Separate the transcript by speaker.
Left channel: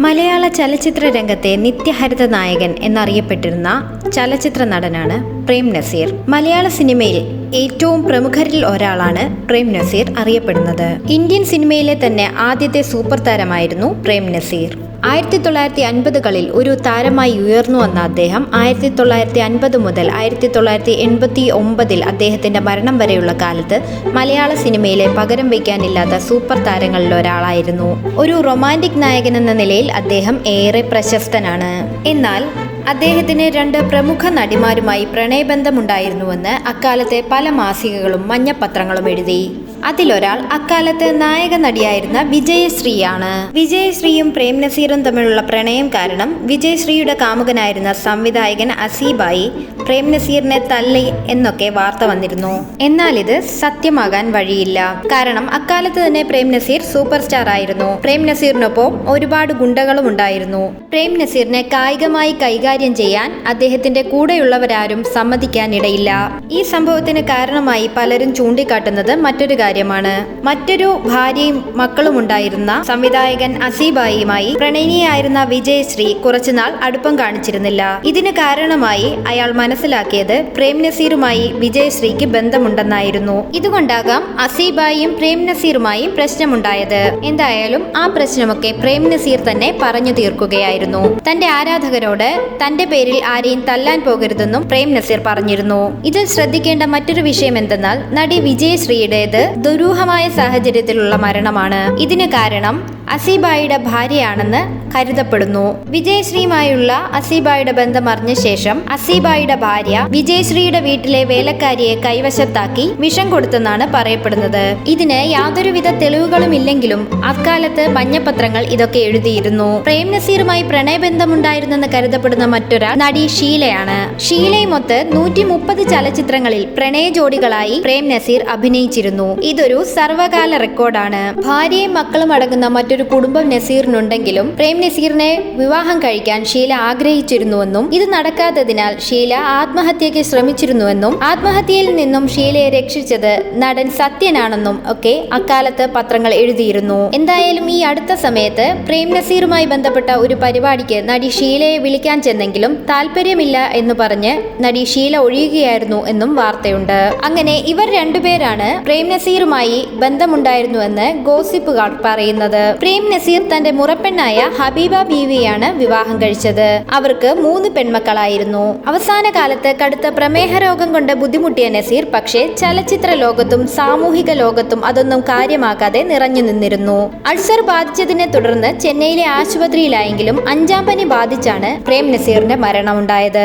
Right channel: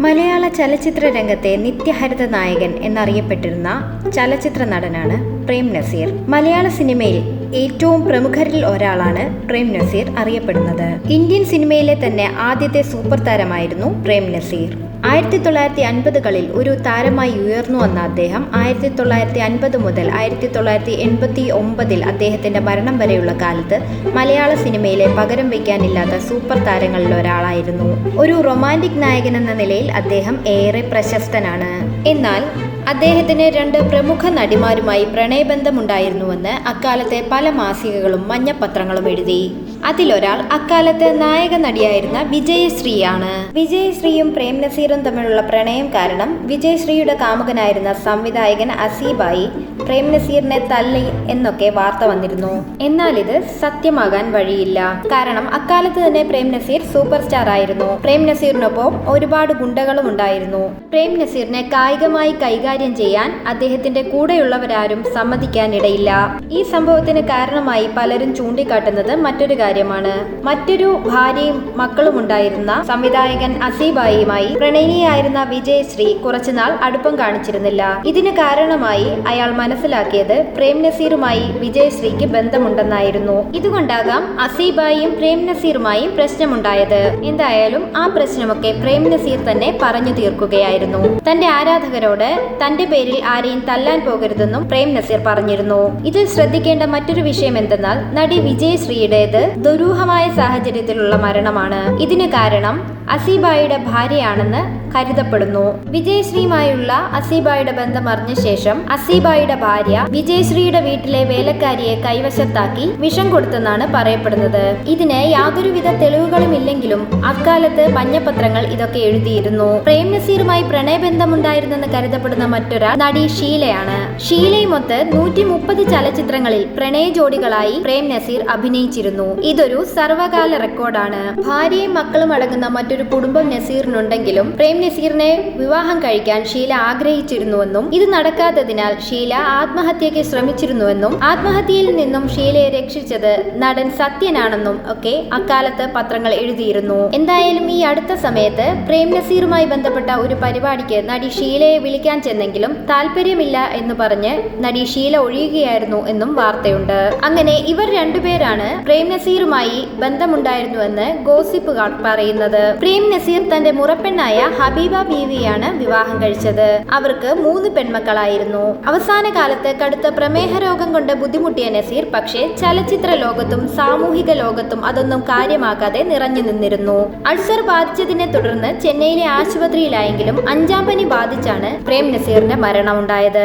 Speaker 1: മലയാള ചലച്ചിത്ര രംഗത്തെ നിത്യഹരിത നായകൻ എന്നറിയപ്പെട്ടിരുന്ന ചലച്ചിത്ര നടനാണ് പ്രേം നസീർ. മലയാള സിനിമയിൽ ഏറ്റവും പ്രമുഖരിൽ ഒരാളാണ് പ്രേം നസീർ അറിയപ്പെടുന്നത്. ഇന്ത്യൻ സിനിമയിലെ തന്നെ ആദ്യത്തെ സൂപ്പർ താരമായിരുന്നു പ്രേം നസീർ. ആയിരത്തി തൊള്ളായിരത്തി അൻപതുകളിൽ ഒരു താരമായി ഉയർന്നു വന്ന അദ്ദേഹം ആയിരത്തി തൊള്ളായിരത്തി അൻപത് മുതൽ ആയിരത്തി തൊള്ളായിരത്തി എൺപത്തി ഒമ്പതിൽ അദ്ദേഹത്തിന്റെ മരണം വരെയുള്ള കാലത്ത് മലയാള സിനിമയിലെ പകരം വയ്ക്കാനില്ലാത്ത സൂപ്പർ താരങ്ങളിൽ ഒരാളായിരുന്നു. ഒരു റൊമാന്റിക് നായകൻ എന്ന നിലയിൽ അദ്ദേഹം ഏറെ പ്രശസ്തനാണ്. എന്നാൽ അദ്ദേഹത്തിന് രണ്ട് പ്രമുഖ നടിമാരുമായി പ്രണയബന്ധമുണ്ടായിരുന്നുവെന്ന് അക്കാലത്തെ പല മാസികകളും മഞ്ഞപ്പത്രങ്ങളും എഴുതി. അതിലൊരാൾ അക്കാലത്ത് നായക നടിയായിരുന്ന വിജയശ്രീയാണ്. വിജയശ്രീയും പ്രേം നസീറും തമ്മിലുള്ള പ്രണയം കാരണം വിജയശ്രീയുടെ കാമുകനായിരുന്ന സംവിധായകൻ അസീബായി പ്രേം നസീറിനെ തല്ലി എന്നൊക്കെ വാർത്ത വന്നിരുന്നു. എന്നാൽ ഇത് സത്യമാകാൻ വഴിയില്ല. കാരണം അക്കാലത്ത് തന്നെ പ്രേം നസീർ സൂപ്പർ സ്റ്റാർ ആയിരുന്നു. പ്രേം നസീറിനൊപ്പം ഒരുപാട് ഗുണ്ടകളും ഉണ്ടായിരുന്നു. പ്രേം നസീറിനെ കായികമായി കൈകാര്യം ചെയ്യാൻ അദ്ദേഹത്തിന്റെ കൂടെയുള്ളവരാരും സമ്മതിക്കാനിടയില്ല. ഈ സംഭവത്തിന് കാരണമായി പലരും ചൂണ്ടിക്കാട്ടുന്നത് മറ്റൊരു കാര്യമാണ്. മറ്റൊരു ഭാര്യയും മക്കളും ഉണ്ടായിരുന്ന സംവിധായകൻ അസീബായിയുമായി പ്രണയിനിയായിരുന്ന വിജയശ്രീ കുറച്ചുനാൾ അടുപ്പം കാണിച്ചിരുന്നില്ല. ഇതിന് കാരണമായി അയാൾ മനസ്സിലാക്കിയത് പ്രേം നസീറുമായി വിജയശ്രീക്ക് ബന്ധമുണ്ടെന്നായിരുന്നു. ഇതുകൊണ്ടാകാം അസീബായിയും പ്രേം നസീറുമായും പ്രശ്നമുണ്ടായത്. എന്തായാലും ആ പ്രശ്നമൊക്കെ പ്രേം നസീർ തന്നെ പറഞ്ഞു തീർക്കുകയായിരുന്നു. തന്റെ ആരാധകരോട് തന്റെ പേരിൽ ആരെയും തല്ലാൻ പോകരുതെന്നും പ്രേം നസീർ പറഞ്ഞിരുന്നു. ഇതിൽ ശ്രദ്ധിക്കേണ്ട മറ്റൊരു വിഷയം എന്തെന്നാൽ നടി വിജയശ്രീയുടേത് ദുരൂഹമായ സാഹചര്യത്തിലുള്ള മരണമാണ്. ഇതിന് കാരണം അസീബായിയുടെ ഭാര്യയാണെന്ന് കരുതപ്പെടുന്നു. വിജയശ്രീയുമായുള്ള അസീബായിയുടെ ബന്ധം അറിഞ്ഞ ശേഷം അസീബായിയുടെ ഭാര്യ വിജയശ്രീയുടെ വീട്ടിലെ വേലക്കാരിയെ കൈവശത്താക്കി വിഷം കൊടുത്തെന്നാണ് പറയപ്പെടുന്നത്. ഇതിന് യാതൊരുവിധ തെളിവുകളും ഇല്ലെങ്കിലും അക്കാലത്ത് മഞ്ഞപത്രങ്ങൾ ഇതൊക്കെ എഴുതിയിരുന്നു. പ്രേം നസീറുമായി പ്രണയബന്ധമുണ്ടായിരുന്നെന്ന് കരുതപ്പെടുന്ന മറ്റൊരാൾ നടി ഷീലയാണ്. ഷീലയുമൊത്ത് നൂറ്റി മുപ്പത് ചലച്ചിത്രങ്ങളിൽ പ്രണയ ജോഡികളായി പ്രേം നസീർ അഭിനയിച്ചിരുന്നു. ഇതൊരു സർവകാല റെക്കോർഡാണ്. ഭാര്യയും മക്കളും അടങ്ങുന്ന മറ്റൊരു കുടുംബം നസീറിനുണ്ടെങ്കിലും പ്രേം നസീറിനെ വിവാഹം കഴിക്കാൻ ഷീല ആഗ്രഹിച്ചിരുന്നുവെന്നും ഇത് നടക്കാത്തതിനാൽ ഷീല ആത്മഹത്യയ്ക്ക് ശ്രമിച്ചിരുന്നുവെന്നും ആത്മഹത്യയിൽ നിന്നും ഷീലയെ രക്ഷിച്ചത് നടൻ സത്യനാണെന്നും ഒക്കെ അക്കാലത്ത് പത്രങ്ങൾ എഴുതിയിരുന്നു. എന്തായാലും ഈ അടുത്ത സമയത്ത് പ്രേം നസീറുമായി ബന്ധപ്പെട്ട ഒരു പരിപാടിക്ക് നടി ഷീലയെ വിളിക്കാൻ ചെന്നെങ്കിലും താല്പര്യമില്ല എന്ന് പറഞ്ഞ് നടി ഷീല ഒഴിയുകയായിരുന്നു എന്നും വാർത്തയുണ്ട്. അങ്ങനെ ഇവർ രണ്ടുപേരാണ് പ്രേം നസീറുമായി ബന്ധമുണ്ടായിരുന്നുവെന്ന് ഗോസിപ്പുകാർ പറയുന്നത്. പ്രേം നസീർ തന്റെ മുറപ്പെണ്ണായ ഹബീബ ബീവിയാണ് വിവാഹം കഴിച്ചത്. അവർക്ക് മൂന്ന് പെൺമക്കളായിരുന്നു. അവസാന കാലത്ത് കടുത്ത പ്രമേഹ രോഗം കൊണ്ട് ബുദ്ധിമുട്ടിയ നസീർ പക്ഷേ ചലച്ചിത്ര ലോകത്തും സാമൂഹിക ലോകത്തും അതൊന്നും കാര്യമാക്കാതെ നിറഞ്ഞു നിന്നിരുന്നു. അൾസർ ബാധിച്ചതിനെ തുടർന്ന് ചെന്നൈയിലെ ആശുപത്രിയിലായെങ്കിലും അഞ്ചാം പനി ബാധിച്ചാണ് പ്രേം നസീറിന്റെ മരണമുണ്ടായത്.